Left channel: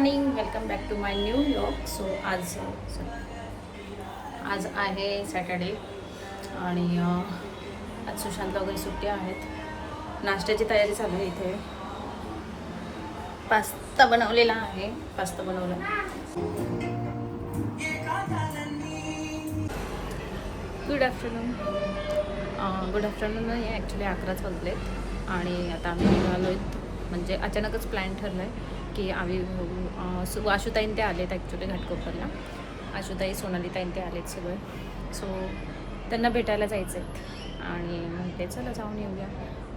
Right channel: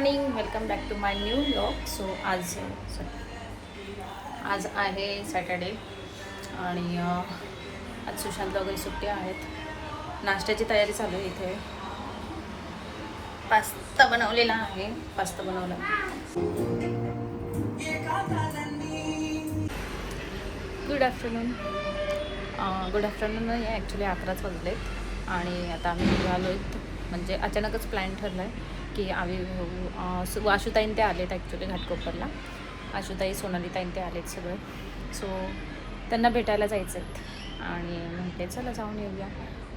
Morning, welcome back to my new vlog. So आज आहे Saturday आणि आज सुशांत वगैरे सुट्ट्या आहेत. नाश्त्याची तयारी चालू आहे. इथे पास्ता बनवलेला आहे. पास्ता बनवला. Good afternoon. गुड आफ्टरनून नाही आहे, ॲक्च्युली 11 वाजले आणि आता आम्ही निघालो आहेत. म्हणजे अचानकच प्लॅन ठरला आहे की आशुताईन ते आलेत ॲक्च्युली घाटकोपरला. आशुताई, सोनालीताईन ते आलेत सगळे. सो त्यांना भेटायला जायचं आहेत आणि म्हटले चला जाऊन येऊया.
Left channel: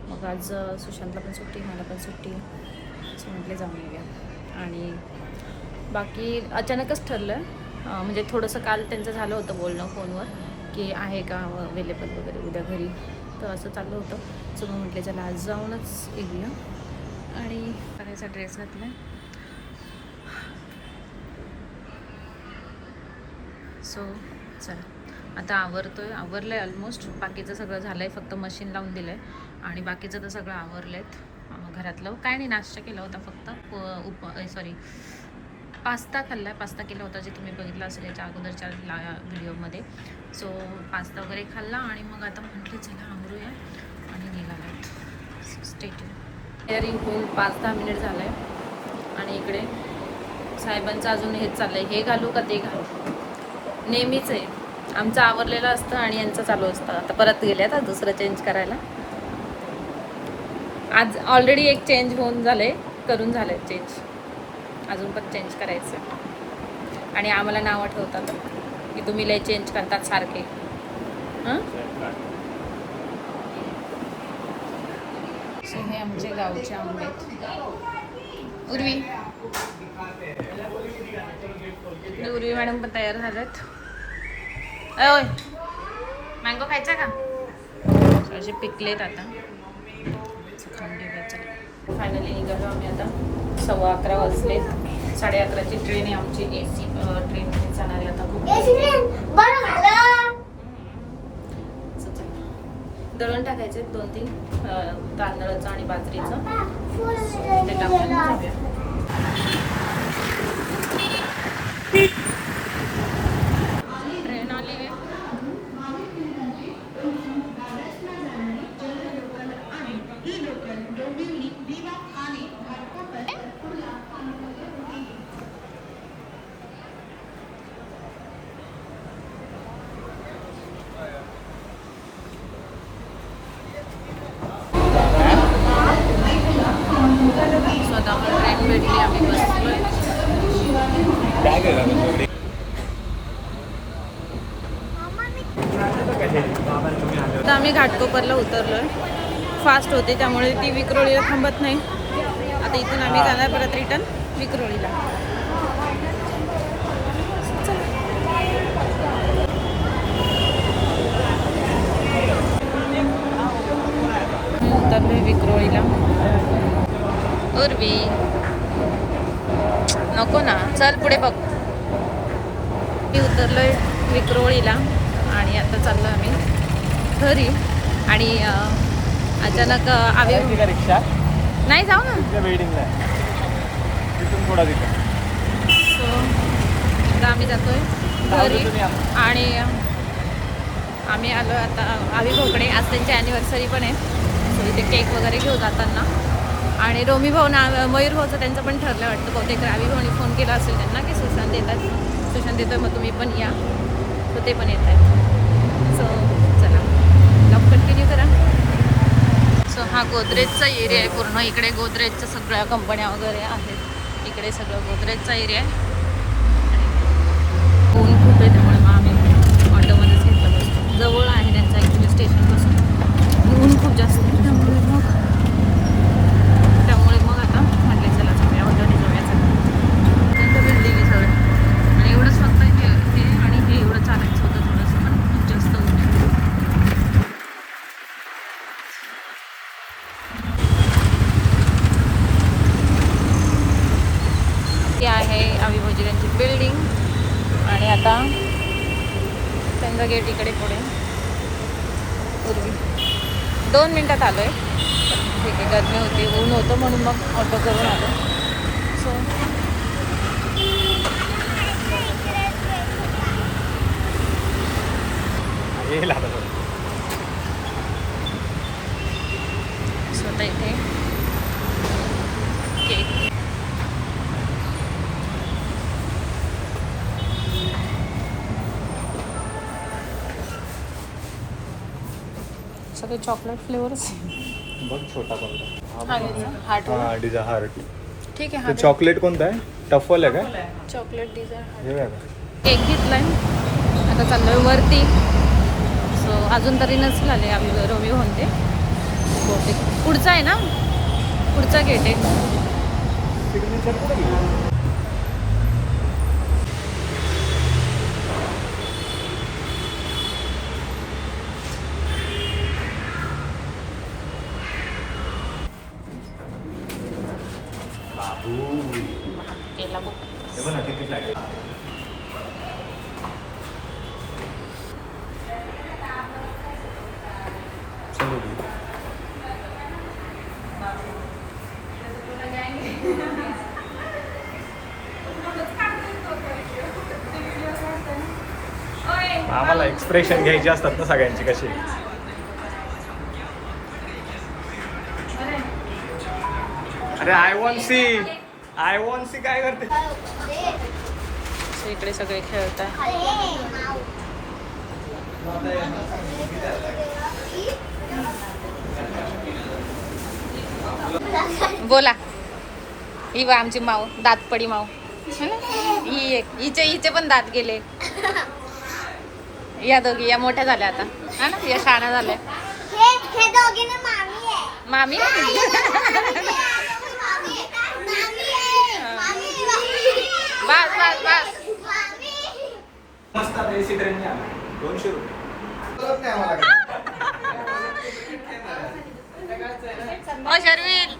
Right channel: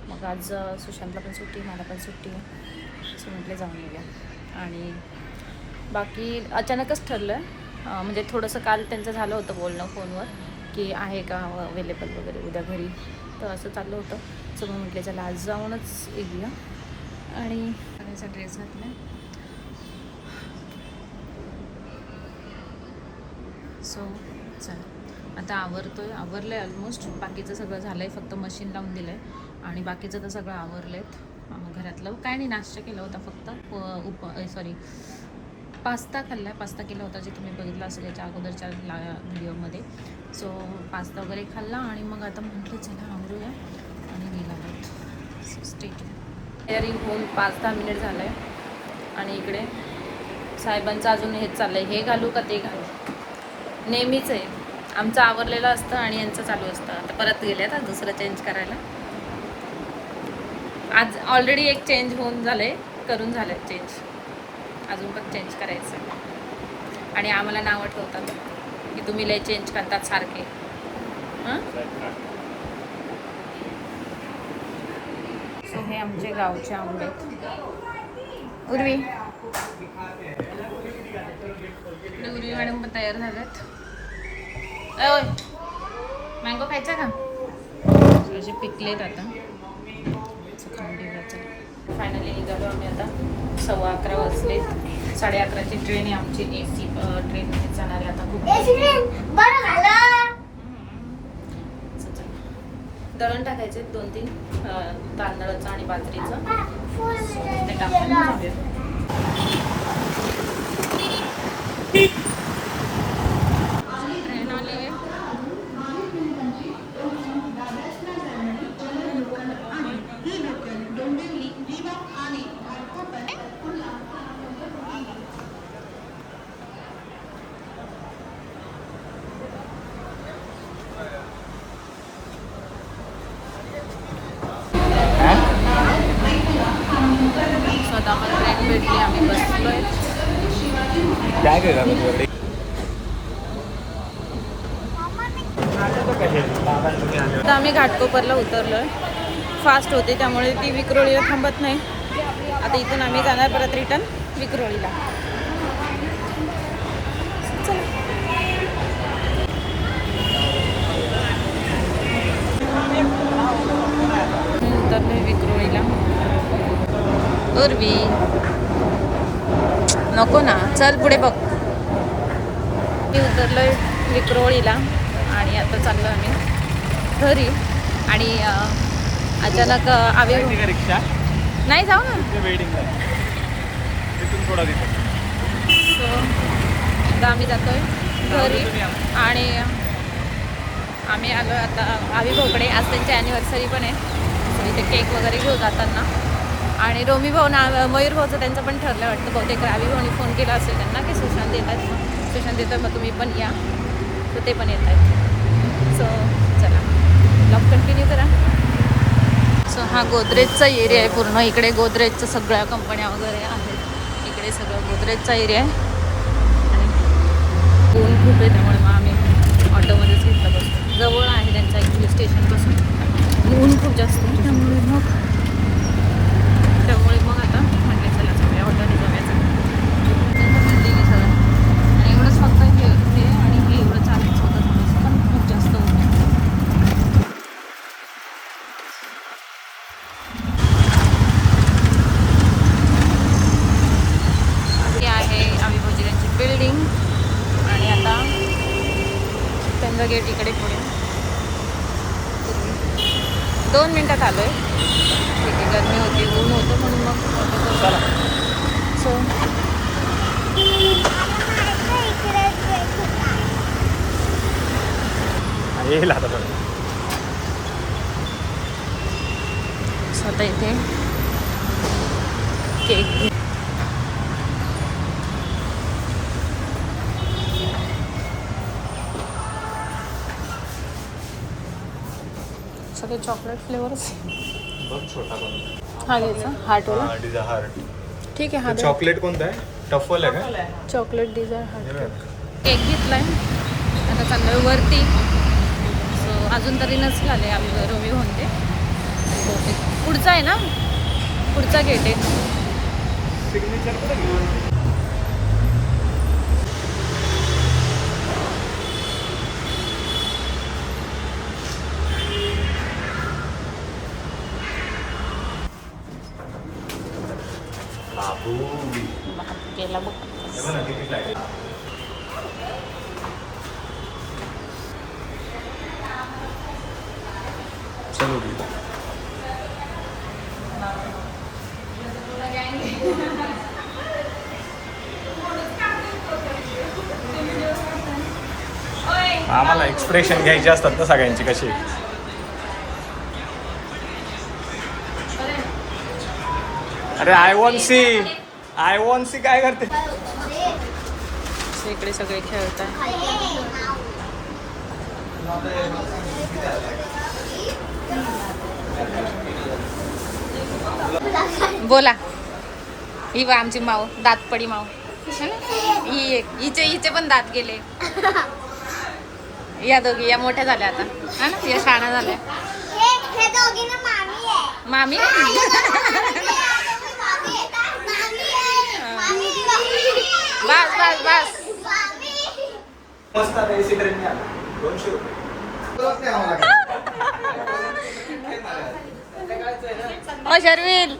मग आज सुशांतला पण सुट्टी, मला पण सुट्टी आहे. सो म्हटले जाऊन येऊया. आणि बाकी अचानकच ठरलं. म्हणजे थोडंसं काल त्यांचं झालं होतं बोलणं फोनवर की आहे का अवेलेबल वगैरे उद्या घरी, तर असं चाललं होतं. सो मग म्हटले चला आज जाऊनच येऊया. आणि करायचा ड्रेस घातला. सो चला आता आवरलं आहे ऑलमोस्ट. बाकीचं सगळं झालं आहे, फक्त मशीन लावून दिलं आहे आणि बाकीचं तर सगळं आवरलं आहेत. घरातलं काय नाही, नाश्ता केला होता फक्त. पास्ता खाल्ला आहे. पास्ता केला होता जे तुम्ही बघितलं असेल याच्या अगोदरच्या व्हिडिओमध्ये. सो पास्ता वगैरे खाल्ला आणि मग आता म्हटले चला आवरूया आणि निघाला आहेत. स्टेट तयारी होऊन 5-10 मिनिट झालं आहे आणि इकडे साहेबांचं अजून हेच चाललं आहे, हे घालू का ते घालू. नेहमीच आहे आमचं, आवरलेलं असतं आणि यांचं चालू असतं. आता परत गेलं आहे दुसरं चेंज करायला. आज ऑलरेडी एक चेंज होऊन करून झालं चेंज. अजून पण चेंज करायचं आणि आम्हाला नावं ठेवतात की तुम्ही लय चेंज करतात सारखे. सो हे आमचे गावचे आंबे आहेत. उर्वी इकडे उर्वी मॅडम पण तयार झाल्यात. ओय मँगो खायचा का? असे पिकलेत आता. फायनली निघालो आम्ही आता. 11:15 वाजलेत. 11:30ची ट्रेन आहे आमची. AC ट्रेनमध्ये जाणार आहे आता. खूप दळण टाकायचे 2-3 तांदळाचं आणि बाजरीचं, ते टाकून जाऊया. ट्रेन आली आहे. स्वतः मला ट्रेन भेटली, आम्ही बसलोय. आता आम्ही घाटकोपरला उतरलोय. फास्ट होते त्यामुळे ती विक्रोळीला थांबत नाही. आता इथून आम्ही जाणार परत रिटर्न विक्रोळीला. उतरलोय विक्रोळीला. उर्वी नको ना, चल पुढे बघ. मी उतरलोय विक्रोळीला आणि आता चाललो आम्ही घरी. आणि अचानक रिक्षा नाही जाऊ ना. सो आता आम्ही जातोय घरी आणि आम्ही आलो आता आविभाऊकडे. आज त्यांची ॲनिव्हर्सरी पण आहे. सो इथे केक वगैरे घेऊ जाताना. आणि रोमी भाऊ मयूर भाऊचं त्यांचं पण ठरलं वाटतं. बहुतेक आविभाऊनी फोन केला असेल त्यांना की सुशांत येतात. सुशांत येतात मग तुम्ही पण या. सो ते पण येत आहेत. सो चला ब्लॉग कंटिन्यू करा. सो हा गोदरेजचा एरिया आहे पूर्ण. इकडे गोदरेजच्या सगळ्या कंपन्या वगैरे आहेत. इकडे सगळं गोदरेजचा एरिया आहे. आणि ऊन खूप आहे त्यामुळे मग आम्ही ऑटोमध्येच घेतलं बसतो. जवळ आहे त्यांच्या ॲक्च्युली स्टेशनपासून. ऊन खूप जास्त आहे त्यामुळे मग आता म्हटले चला जाऊया ऑटोने जाऊया. त्यांचं बिल्डिंग आहे सगळं आणि एवढंच फक्त हे आणि हे एवढं चालायचं होतं थोडंसं, पण खूप जास्त होतं. हे आहे आविभाऊजी त्यांची बिल्डिंग आणि आता त्यांचा गेट इकडे पुढे. पूर्वी 2 मिनटात आलो आहे. ठीक आहे, गरमी होती, ऊन होतं म्हणून मग ऑटो करून आलो. सो स्वतः इथे केक सगळे चॉकलेट फ्लेवर्स. छोटा हा घ्यायचा हार्टवाला. हार्ट. ठीक आहे. हा चॉकलेट कोणता आहे? टफल आहे का? Chocolate Dzire heart. केक घेतलाय, आता चाललोय वरती. सो अजून तरी नसेल आले आम्ही रवी म्हणते. पुढचा आहे ना, पुढचा गेट आहे. केला बघ. आम्हाला एक्सप्रेशन घ्यायचे असतात ना सगळ्यांची कशी. अरे आय वॉन्ट सी काय करते. इकडे सगळे खेळतात. बोला. ही बा आमची माऊ, दातपडी माऊ. ही एक, हिचे पण दात गेले. या दोघी या मोठ्या झाल्या आता, हा ना, या शाळा झाल्या. मामी बस बस बस. मस्त एसी ट्रेन 200 ओ शर्विल.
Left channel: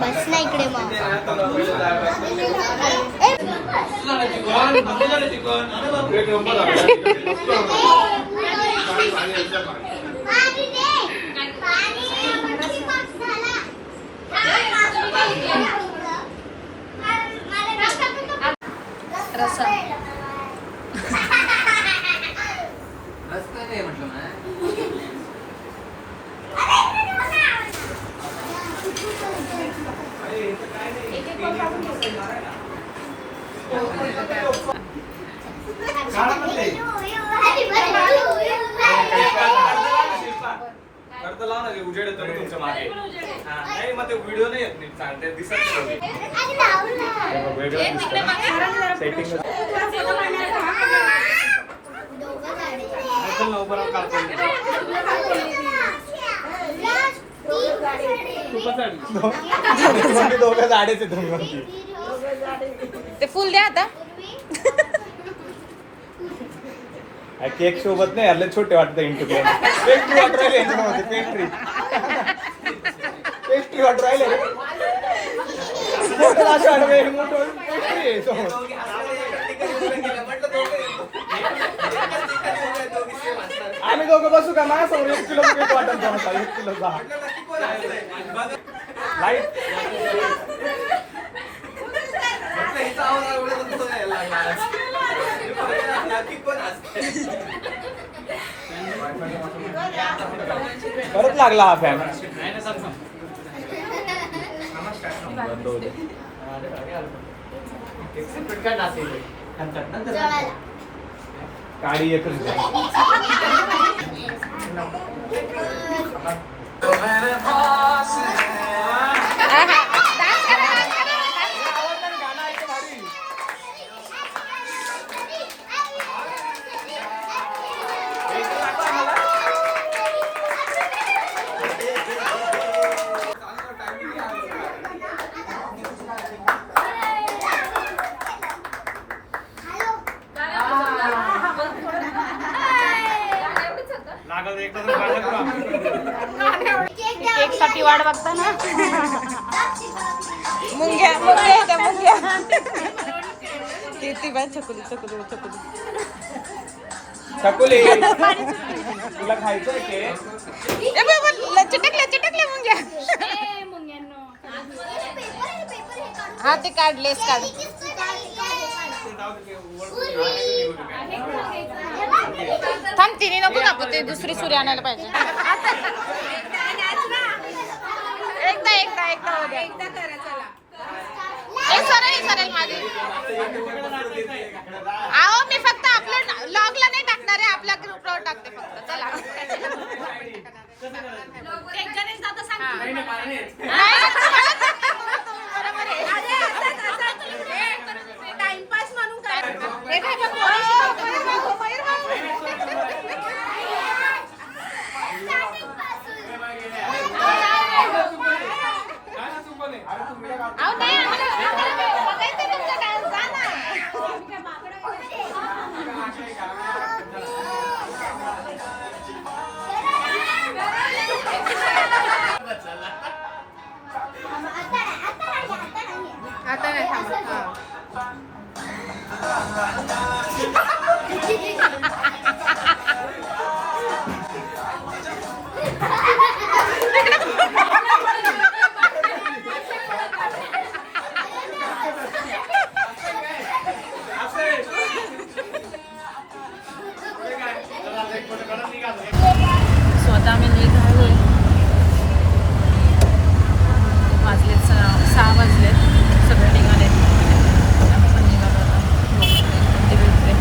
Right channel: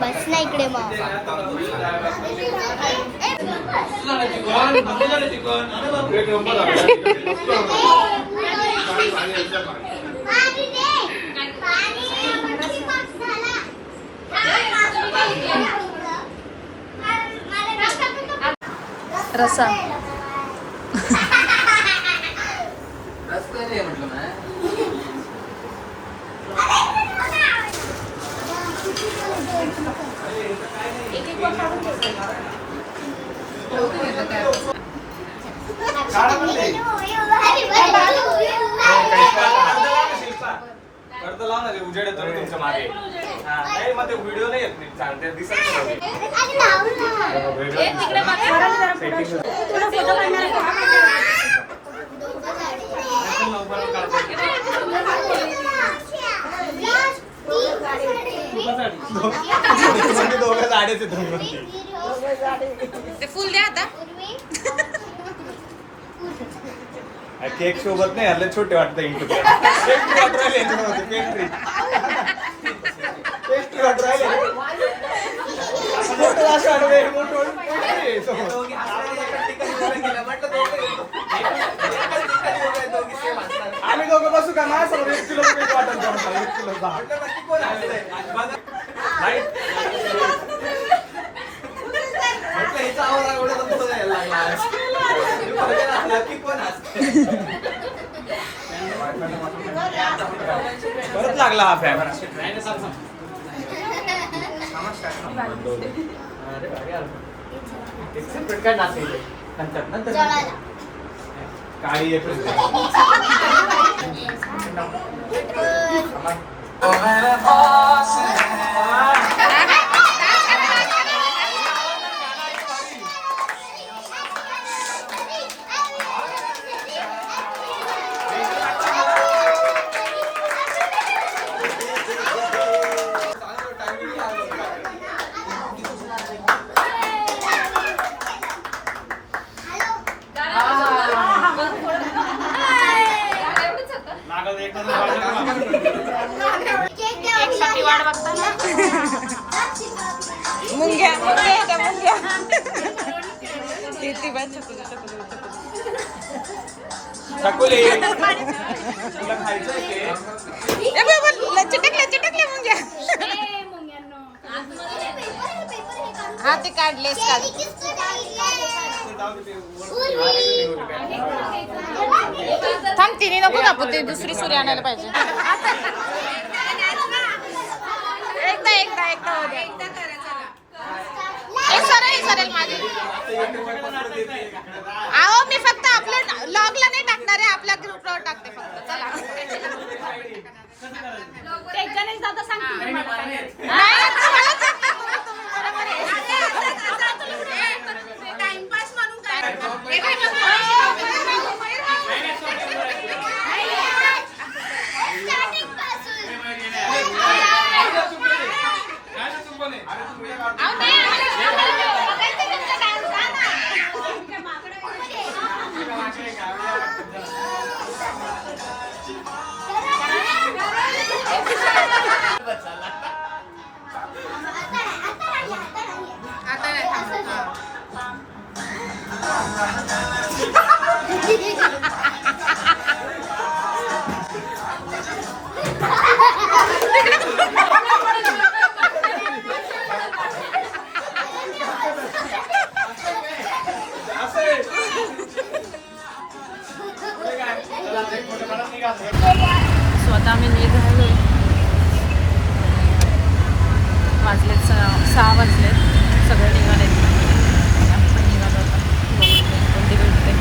बस ना इकडे मग. रसा. उजेड येतो तुमच्या मागे. नाही मग ते व्हिडिओ नाही येत नीट चांगले दिसत नाही. ते फुल द्या आता. केक सोबत नाही यारला छोटे वाटतं इंटू. आम्ही दोघं बसू का माझ्या समोर 1 किलो वाटत 1 किलो. परत लागला हा फॅन. काळी येत केक साठी वाट बघता ना. मुंग्या मुंग्या त्या मुंग्या. ती बाय चकुली चकुली चकुली. चकुली तुला खायचं केक? चिटकले चिटकले मुंग्या. हा ते काढलेस काढ. थांब तिने नको कापू ते दुसरी सुरी आणायला पाहिजे. एकदा एकदा एकदा हो द्या. सरळ सरळ माझी. अहो मी फक्त आपल्या लॉगला नाही टाकणार आहे, आपल्या ग्रुपवर टाकते फक्त. चला टाइमपास म्हणून स्वतः आम्ही निघालोय. वाजलेत 6 वाजलेत. सगळे निघाले. आपण पण निघालो आता. बघू ट्रेन कोणती भेटते.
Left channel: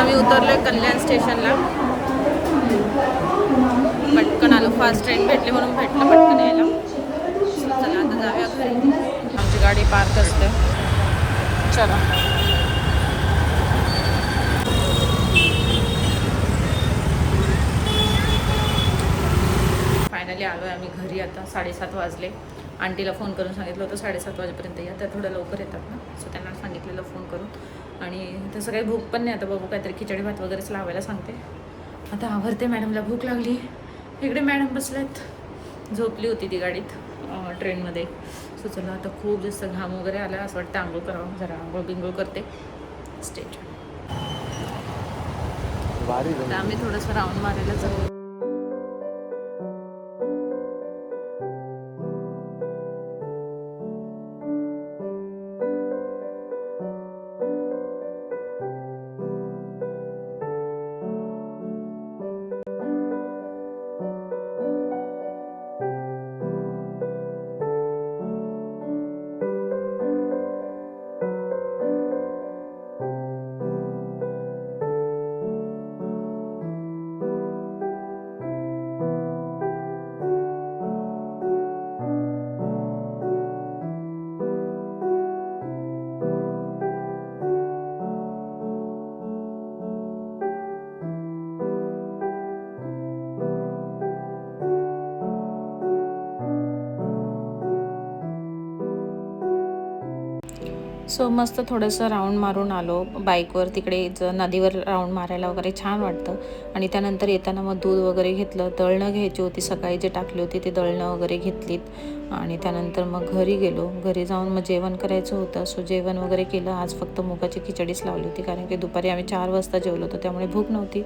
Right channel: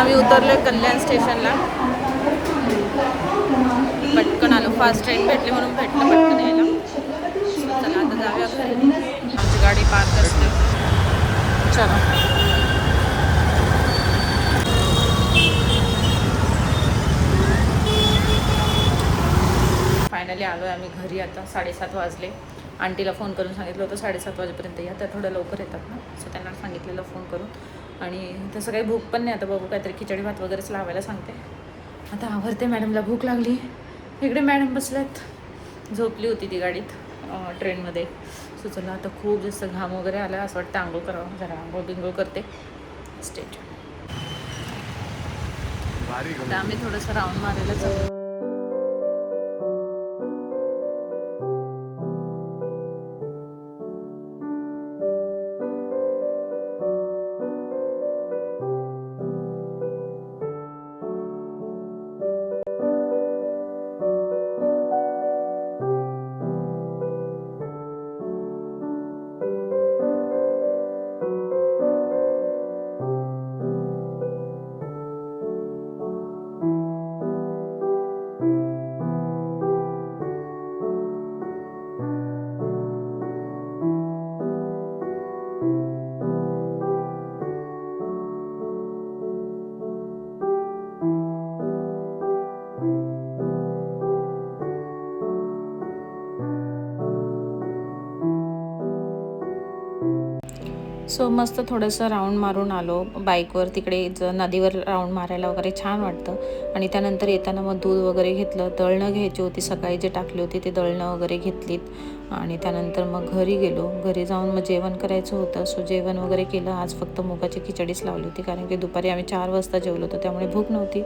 आम्ही उतरलोय कल्याण स्टेशनला. पटकन आलो. फास्ट ट्रेन भेटली म्हणून भेटलं पटकन यायला. चला आता जाऊया घरी. आमची गाडी पार्क करते. चला फायनली आलो आहे आम्ही घरी. आता 7:30 वाजले. आंटीला फोन करून सांगितलं होतं 7:30 वाजेपर्यंत या. त्या थोडं लवकर येतात ना, सो त्यांना सांगितलेलं फोन करून. आणि तसं काही भूक पण नाही. आता बघू काहीतरी खिचडी भात वगैरेच लावायला सांगते. आता आवरते. मॅडमला भूक लागली. इकडे मॅडम बसल्यात. झोपली होती ती गाडीत ट्रेनमध्ये. सो चला आता खूप जास्त घाम वगैरे आला. असं वाटतं आंघोळ करावं. जरा आंघोळ बिंघोळ करते. स्टेज आता आम्ही थोडंसं राऊंड मारायला चालू. सो मस्त थोडंसं राऊंड मारून आलो बाईकवर. तिकडे नदीवर राऊंड मारायला वगैरे छान वाटतं. आणि त्यानंतर येताना मग दूध वगैरे घेतलं. दळणं घ्यायची होती. सकाळी जे टाकली होती ते दळणं वगैरे घेतलीत. आणि त्यानंतर मग घरी गेलो. घरी जाऊन मग जेवण करायचं होतं. सो जेवण वगैरे केलं. आज फक्त मुगाची खिचडीच लावली होती, कारण की दुपारी आम्ही 4 वाजता जेवलो होतो, त्यामुळे भूक नव्हती.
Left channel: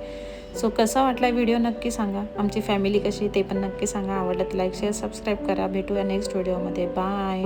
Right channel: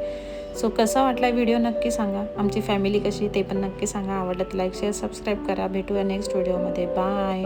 सो कसा वाटला व्हिडिओ नक्की सांगा. आमची फॅमिली कशी ते पण नक्की सांगा. आवडलं तर लाईक शेअर सबस्क्राईब करा. भेटूया नेक्स्ट व्हिडिओमध्ये. बाय.